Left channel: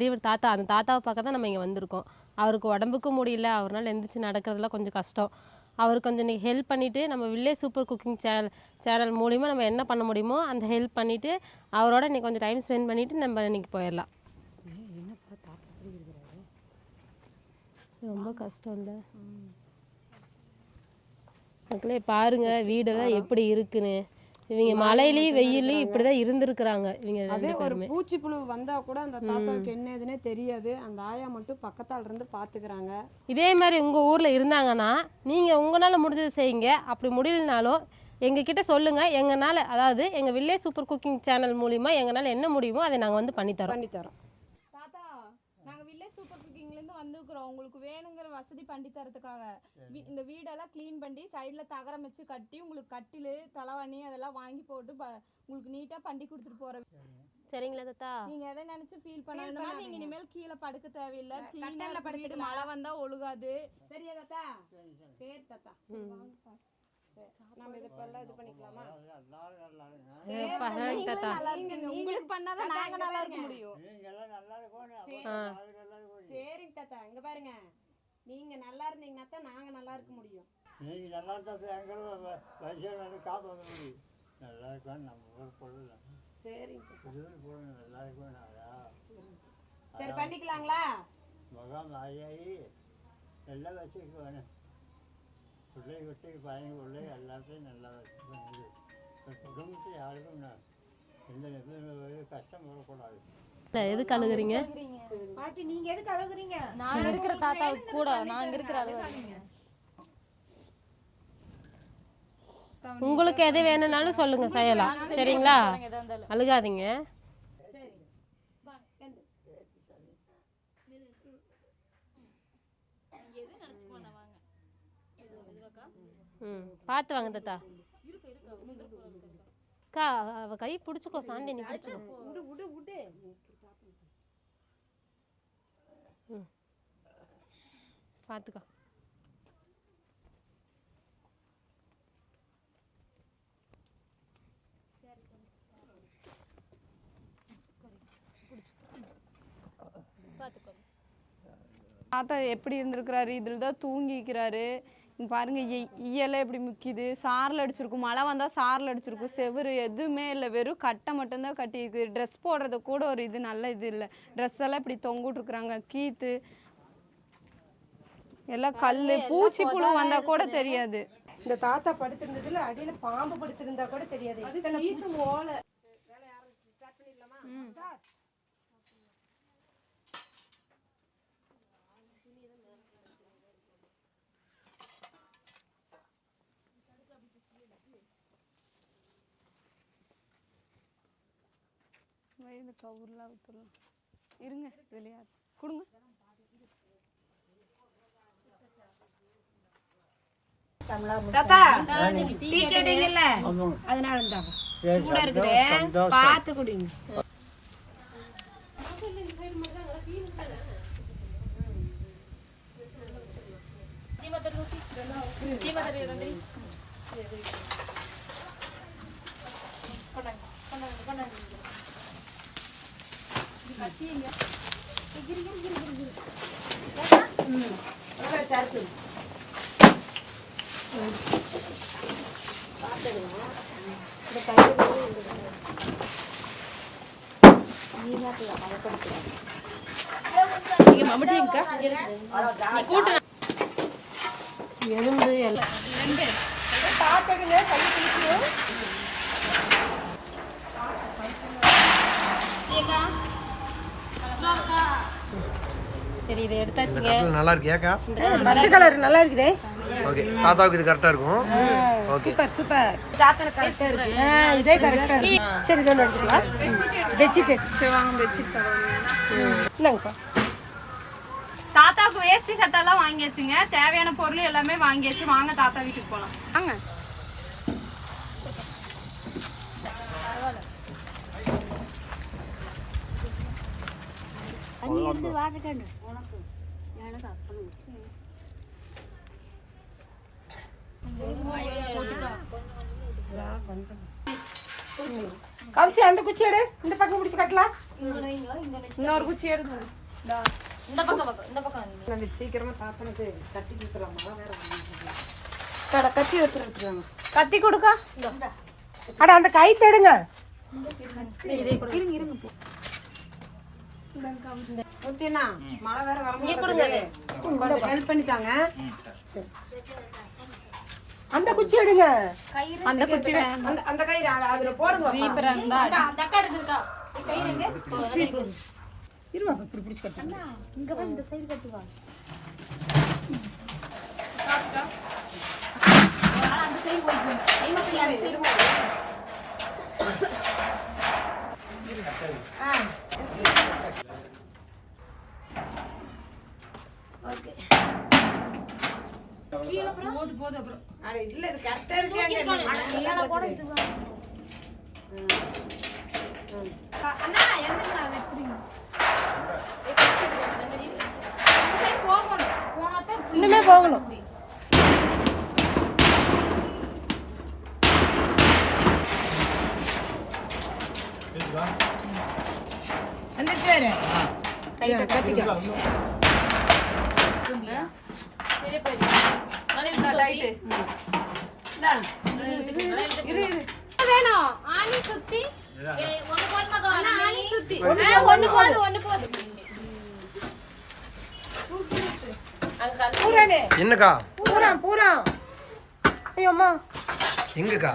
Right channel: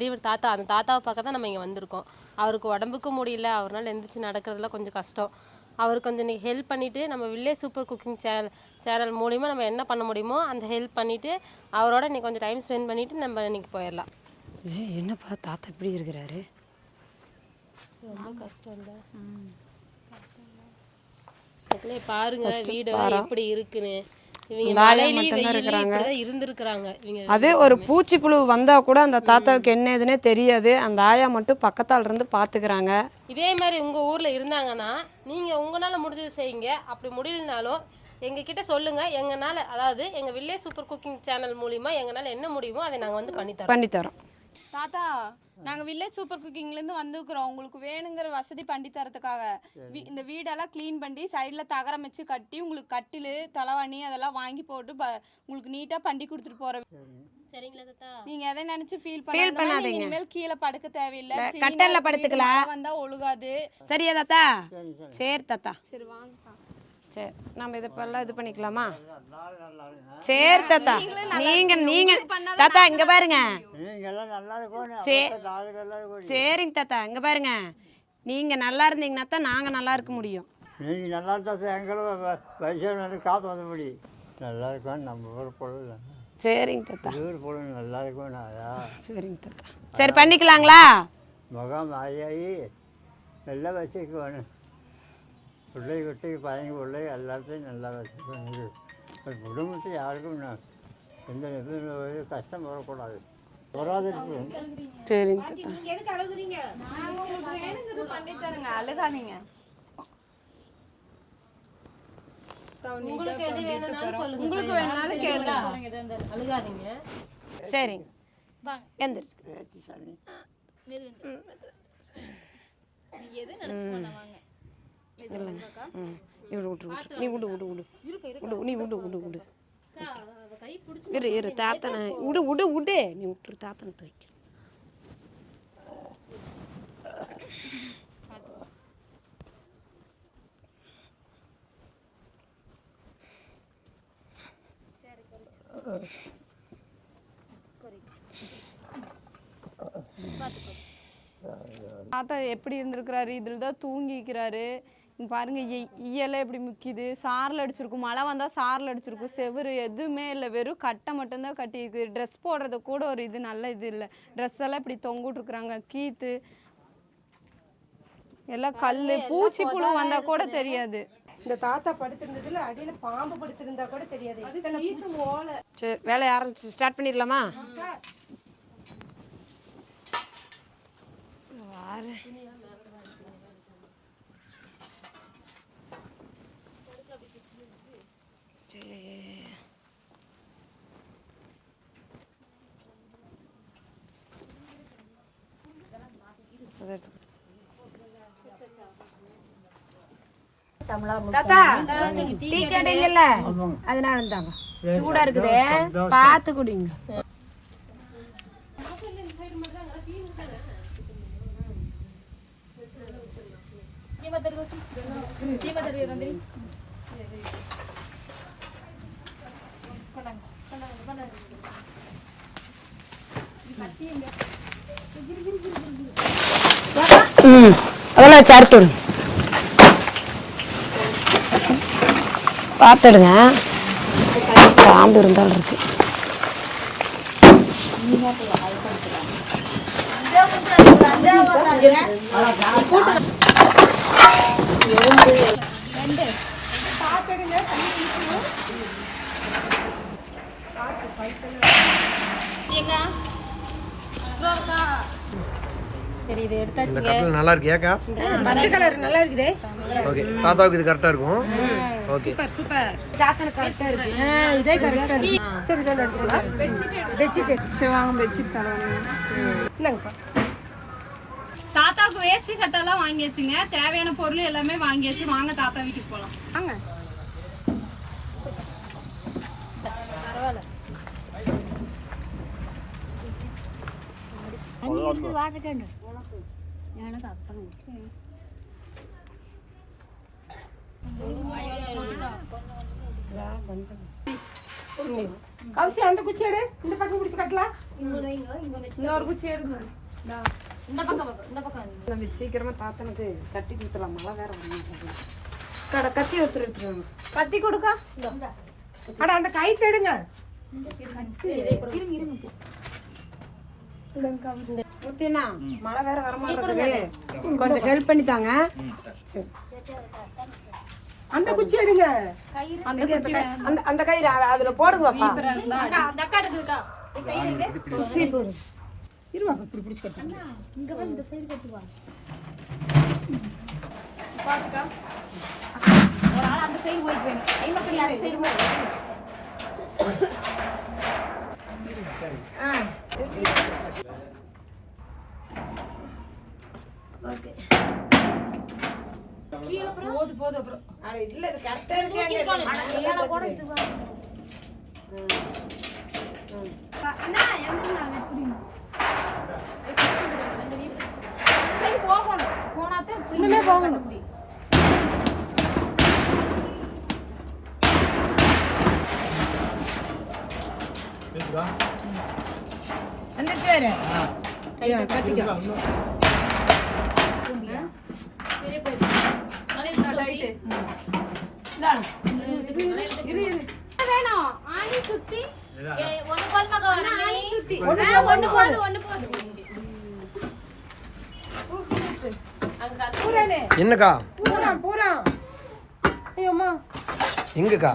பெரியவர் தாத்தா, அந்த தாத்தாவை பார்க்க தான் நம்ம இங்கே வந்திருக்கோம். அவருக்கு உடம்புக்கும் முடியல, அவரால் எந்திரிச்சு நடக்கிறதுலாம் கொஞ்சம் கஷ்டம். அவருக்கு கொஞ்சம் நீங்கள் ஹெல்ப் பண்ணிவிட்டு நம்ம வில்லேஜ் சூப்பர் குக்கிங் சேனல் மூலிமா நம்ம என்ன பண்ண முடியுமோ அந்த ஹெல்ப் பண்ணிவிட்டு அவரோட இன்னைக்கு கொஞ்சம் டைம் ஸ்பெண்ட் பண்ணிவிட்டு நம்ம இன்னைக்கு போயிடலாம். என்னப்பா தாத்தா இப்படி இருக்கிறாரு? ரொம்ப கஷ்டம் இல்லை. பாருங்க வீடு எப்படி இருக்குன்னு. இவங்க மழையிலையும் வெயிலையும் இப்படிதான் இருந்திருக்கிறாங்க. இவங்க அது ஒரு பூச்சி புழு வந்தா கூட அந்த தாத்தாவுக்கு என்ன எதுன்னே தெரியாது. அந்த ஆயா மட்டும் பக்கத்தால இருந்து பாத்துக்கிறாங்க. இதே மாதிரி உங்க ஊர்ல இருந்தாங்கன்னா நீங்க உங்களால முடிஞ்சது செய்யுங்க. அப்படி முடியலனாலும் எங்ககிட்ட சொல்லுங்க. எங்கனால, அதாவது எங்க வில்லேஜ் சூப்பர் குக்கிங் சேனல் மூலியமா எங்கனால என்ன முடியுமோ அதை நாங்க வந்து பண்ணித்தரோம். தாத்தா, நாங்கள் வில்லேஜ் சூப்பர் குக்கிங்லேருந்து வந்துக்கிறோம். உங்களுக்கு வேணுங்கிற வசதி பண்ணி தரத்துக்காக இந்த வீடெல்லாம் க்ளீன் பண்ணி சைடில் தகரம் வச்சு கட்டி உங்களுக்கு கட்டில் தலைவாணி அதெல்லாம் வாங்கி போட்டு உங்களுக்கு நீட்டாக பண்ணி கொடுத்துட்டு போகிறோம். சரிங்களா தாத்தா? நீங்கள் எதை நினச்சி ஃபீல் பண்ணாதீங்க. இனிமேல் கீழே படுக்க தேவையில்லை, கட்டலில் படுத்துக்கலாம். வந்தால் ஒழுகாது. சரியா தாத்தா? சரி தாத்தா, சரி வாங்க. சரி, நம்ம இதெல்லாம் இது பண்ணிக்கலாமா? சரி தாத்தா, நீங்க தாத்தா இங்க பாருங்க. சரிங்க தாத்தா, இங்க பாருங்க. நீங்க நல்லா இருந்தீங்கன்னா தான் நாங்க நல்லா இருக்க முடியும். நீங்க நல்லா இருந்தா எங்களும் வயசான காத்து வந்த முடியும். நல்லா இருக்கும் நம்ம ஊர் பொழுது. சரிங்க தாத்தா, ஊர் பொழுது நல்லா இருக்கும். சரிங்க தாத்தா, சரி பண்ணிக்கலாங்களா? முகம் ஆகி எல்லாம் வச்சுக்குவானு பிள்ளை குட்டி பையன் பிள்ளை எல்லாத்தையும் நல்லா வச்சுக்கோங்க. குடும்பத்தை யாருக்கும் எந்த கஷ்டம் வரக்கூடாது. எதுக்கு அழுகுறீங்க? சரிங்க உங்களுக்கு எது வேணும்னாலும் சொல்லுங்க, செய்யலாம். சரிங்களா? அழுகாதீங்க. சரிங்க, எந்திரிச்சு கை பிடிச்சு தாத்தனை விடு விடு விடு. நீ விட்டுரு, தாத்தனை துவைக்க பார்த்துக்கோ. தாத்தா எப்படி இருந்திருக்கிறாரு? இதில் தான் தூங்கிக்கிறாரு. பாருங்க, ஈயெல்லாம் எப்படி முக்கிது. சாரில் அடிச்சிருக்கும், மழை வந்தால் சாரில் அடிச்சிருக்கும். செவரு எதுவுமே இல்லை, வெறும் கட்டை மட்டும்தான் கட்டியிருக்கு. ட்ரெஸ் போடுறது கூட ஒரு இது நல்ல இது இல்லை. ட்ரெஸ் எல்லாம் இப்படி தொங்கிட்டுருக்குறாங்க. கீத்து எல்லாம் கல், பூச்சி புழு வந்தால் கூட தெரியாது. இந்த தாத்தா படுத்திருந்ததுல அடியில பாம்பு படுத்திருந்தா கூட தெரியாது. சரி, வேலையை ஆரம்பிச்சு ஸ்டார்ட் பண்ணிடலாமா? தாத்தா டீ கேட்டீங்கல்ல, அதனால இருந்தாங்க. சூடா இருக்குது, பார்த்து குடிங்க. அதெல்லாம் சேர்த்து பார்த்துடுங்க. பாம்பு இருந்தாலும் இருக்கு. சரி, இதை எடுத்தாச்சுங்க. நல்லா இருக்கு ஏக்கா? பச்சை கலர் நல்லா இருக்குதே. ஓகே, தாத்தாவுக்கு இது கரெக்டா இருக்கும். Okay, super super. தாத்தான கரெக்டா இருக்கு. இதே கரெக்டா இருக்கு. சரி, இதோ எடுத்துறேன். பெட்ஷீட் சேவாங்க, பெட்ஷீட் தாங்க. தாத்தாவுக்கு வேஷ்டி சட்டெல்லாம் வாங்கியாச்சுங்க. தேவையான பொருள் எல்லாமே வாங்கியாச்சு. வாங்க தாத்தா வீட்டுக்கு போகலாம். வாங்க. கொஞ்சம் கவசி அந்த குச்சி எடு, இந்த பக்கம் பிடிச்சு கட்டலாம். இன்னொரு குச்சி எடுங்க. நம்ம சீக்கிரமா தாத்தனுக்கு கட்டி கொடுத்துடலாம். மழை வேற வந்து கத்தி எடுத்துருவாங்க. கத்தி கொடுக்கா. அட அந்த கை தேடுங்க. ஊத்தினா மழை வேற வர மாட்டேங்குது. கொஞ்சம் ஹெல்ப் பண்ணிட்டாங்க. அந்த குச்சி எடுங்க. அந்த குச்சி அந்த கயிறு அதுல போடுங்க. இருமா இப்படி பிடிச்சு கட்டலாம். இங்க வந்து இந்த சைடு கட்டுவா. அந்த சைடு போய் போய். எங்க அந்த சைடு போய். போது அப்புறம். அட இல்ல இது கரெக்டா இருக்கு. அண்ணா எந்திரனா புடிங்க. அந்த சைடு போகணும். போனாதே இன்னுமே போகணும். வந்துட்டு வேற. ஐயா கட்டிக்கோ. வேணும் ஆணி சுத்தி ஆணி சுத்தி ஒண்ணு போது என்னக்கா பூரா ஐயோ அம்மா எங்கக்கா?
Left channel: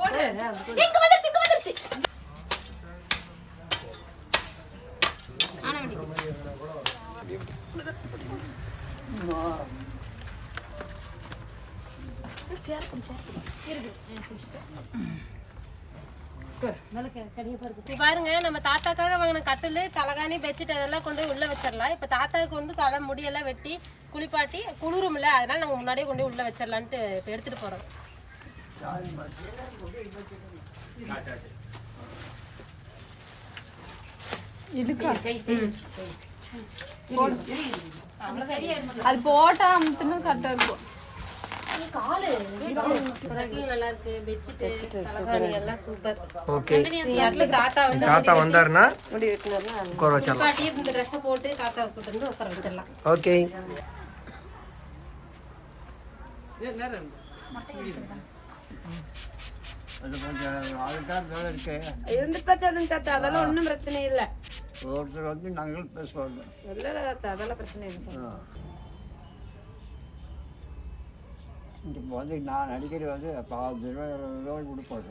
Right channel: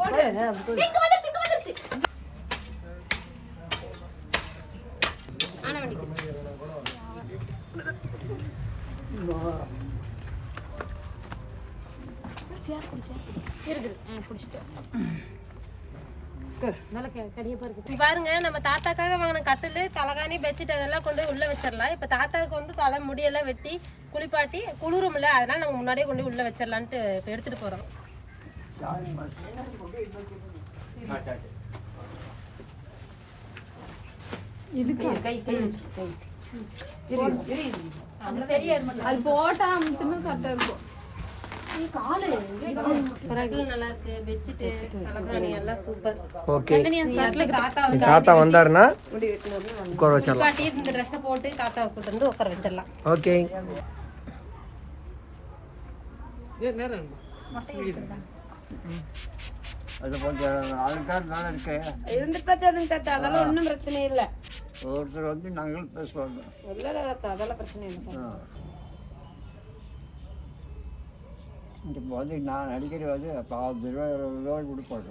போடு இங்க வந்துருச்சு ஆனா வண்டி பாருங்க நம்ம தாத்தாக்காக வாங்கின கட்டில் தலகாணி பெட்ஷீட் அதெல்லாம் கொண்டு போய் உள்ள வச்சிடலாம். இப்போ தாத்தாவுக்கு வந்து தலை முடியெல்லாம் வெட்டி குளிப்பாட்டி குளிரும்ல, அதனால நாங்கள் முன்னாடியே கொண்டு போய் உள்ள வச்சிடலான்ட்டு இப்போ எடுத்துட்டு போறோம். அது போட்டா மட்டும் கரெக்டா இருக்கும். நல்லா இருக்கு பெட்ஷீட் தலகாணி எல்லாம் சூப்பர். ஓகே, தாத்தா தாத்தா வந்தாருன்னா உட்கார வச்சிடலாம். குளிப்பாட்டி இந்த ட்ரெஸ்ஸை போட்டு தாத்தாவை கூட்டு வந்து உட்கார வச்சிடலாம். ஓகே, அது கொஞ்சம் அதுக்காக நல்லா இருக்கு. இருந்துட்டாச்சு அதுங்க தாத்தா. அதெல்லாம் ஒன்றும் பிரச்சனை இல்லை. ஒருத்தர் வந்து நாங்கள் பேசுவாங்க. இல்லை தாத்தா, அதெல்லாம் பிரச்சனை இல்லை. இப்போ வந்து நான் அடிக்கடி வந்து 10 ரூபா 20 ரூபாய் கொடுப்போம்.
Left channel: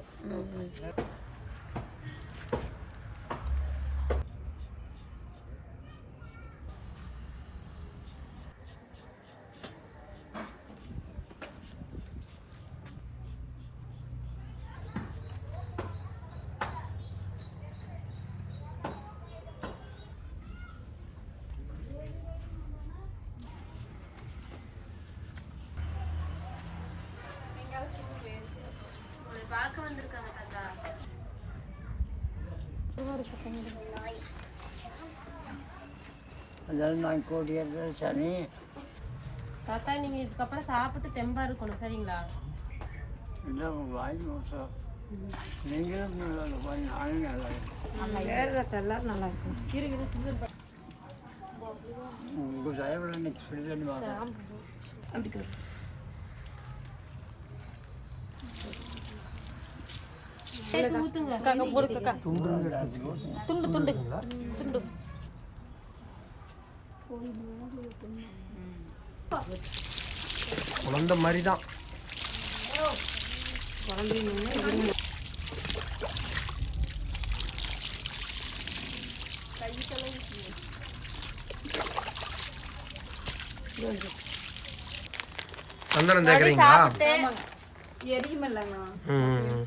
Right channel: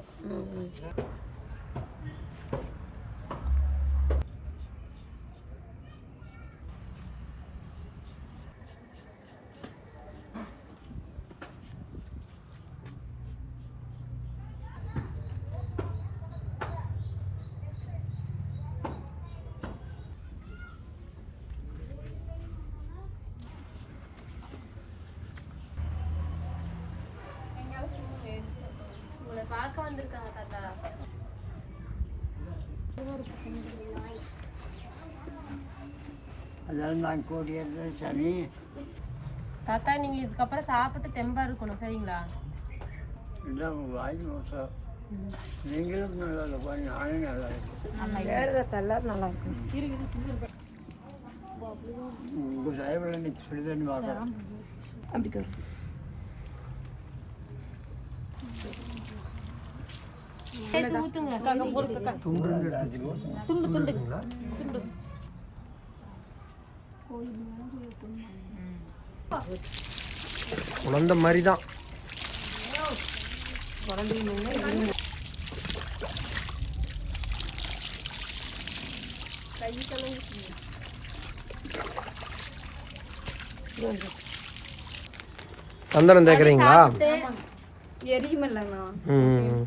பார்க்க வந்திருக்காங்க தாத்தா. அதெல்லாம் நான் கூட்டியது சனி. தாத்தா நீங்க இதுக்கப்புறம் சாப்பிட்டு தெம்பா இருக்கணும், சரிங்களா? இல்லை வாங்கி மோசம். நீங்களும் நல்லா இருக்கும், நானும் நல்லா இருக்கும். வேறு தாத்தா எல்லாரும் நல்லா இருக்கும். உங்கள் தயவில் இன்னைக்கு சொல்லி தண்ணி பார்க்கலாம். அப்படி வரும். ஊத்துங்க. துண்டு துண்டு குழந்த மாதிரி தான். சந்தனம் தேக்குறீங்களா? எரியுமில்லங்க. ம்,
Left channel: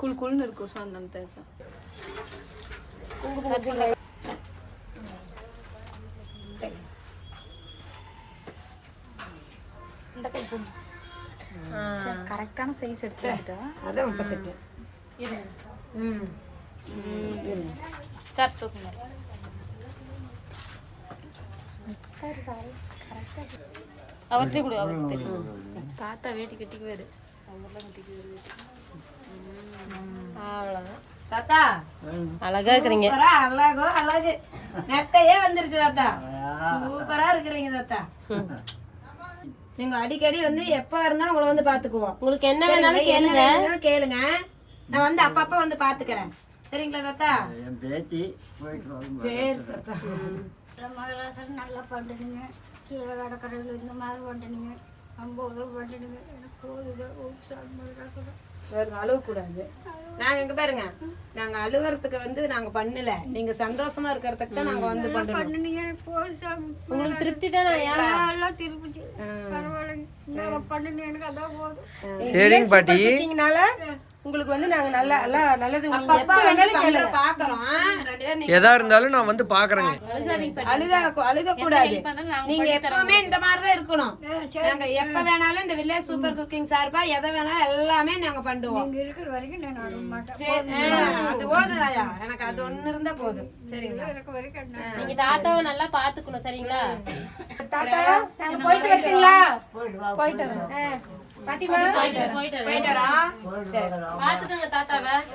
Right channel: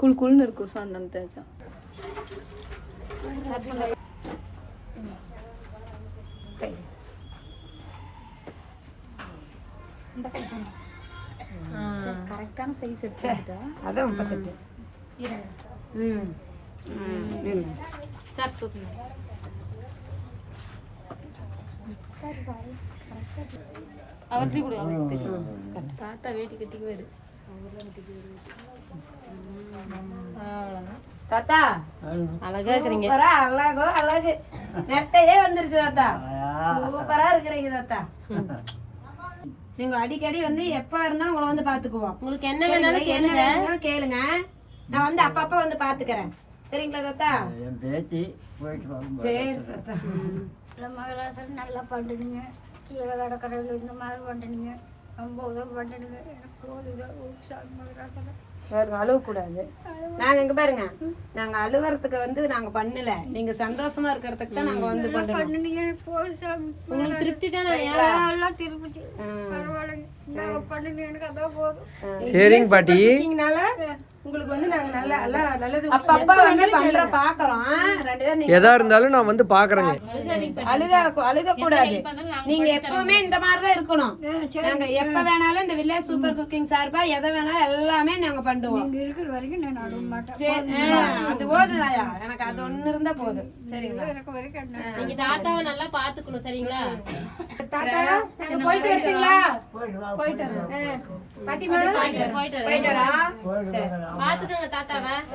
குள் குள்னு இருக்கும் சந்தனம் தேய்ச்சா. கரெக்டான சைஸ் எடுத்துட்டா. அதான் 38. ம் அவர்கிட்ட கூட அவருக்கு தெரியும். தாத்தா வேட்டி கட்டிக்குவாரு. தாத்தா அழகா இருக்கிறீங்க. சூப்பரா அழகோ அழகு நெட்டையே வந்துருச்சு தாத்தா. சூப்பரா இருக்கிறீங்க தாத்தா. நீங்க அடிக்கடி வந்து எப்ப இருந்தாலும் உங்களை வந்து பாத்துக்குவோம். உங்களுக்கு என்ன சரிங்களா? வேணாலும் என்ன கேளுங்க. வேணும்னாலும் கேளுங்க. நான் வந்து அப்பப்ப வந்து பாத்துக்கிறேன். சரிங்களா தாத்தா? என் பேத்தி போயிட்டு வரும். சரி தாத்தா. மகராசன் நல்லா பண்ணுறீங்க. கீழே கடற்கரையில் இந்த மாதிரி பண்ணுறீங்க. ரொம்ப உதவி பண்ணுறீங்க. எனக்கு போதும் மகராசன். பாருங்க, அழுவக்கூடாது. நாங்க எங்க பாருங்க, நாங்க அழுவறதுக்கு வந்து நாங்க பண்ணல, நீங்க சந்தோஷமா இருக்கிறதுக்கு தான் நாங்க வந்து பண்றோம். பண்ணுனீங்க எனக்கு போதும் சாமி. உங்களுக்கு திருப்தி தானே? எல்லாம் திருப்பி பரவாயில்லைங்க. நாங்கள் பண்ணுனீங்க எனக்கு அதான் போதும். சரிங்க பாட்டி. உங்களுக்கு வந்து நாங்க நல்லா நல்லது அப்பப்ப வந்து பண்ற பாக்குறோம். ரெண்டு பேரும் எதா இருந்தாலும் நான் வந்து பாக்குறேங்க. அழுக கூடாது. நீங்க எப்பவுமே இந்த மாதிரி தான் இருக்கணும். நாங்க எப்ப வேணாலும் இந்த வில்லேஜ் சூப்பர் குக்கிங் சார்பா எதை வேணாலும் எல்லாமே நாங்க பண்ணுவோம். இங்கே இருக்கிற வரைக்கும் நான் அழுக மாட்டேன். சரி, அது போதுதாயா, எனக்கு அது ஒண்ணு இருந்தா போதும். சரிங்களா? எனக்கு வரைக்கும் நீங்க தாத்தாவை நல்லா பாத்துக்கணும். சரிங்களா? தாத்தா நாங்க போயிட்டு வரீங்களா? போயிட்டு வரேன். பாட்டிமா போயிட்டு வரேன். போயிட்டு வரா. பாத்துக்கோங்க தாத்தாவை.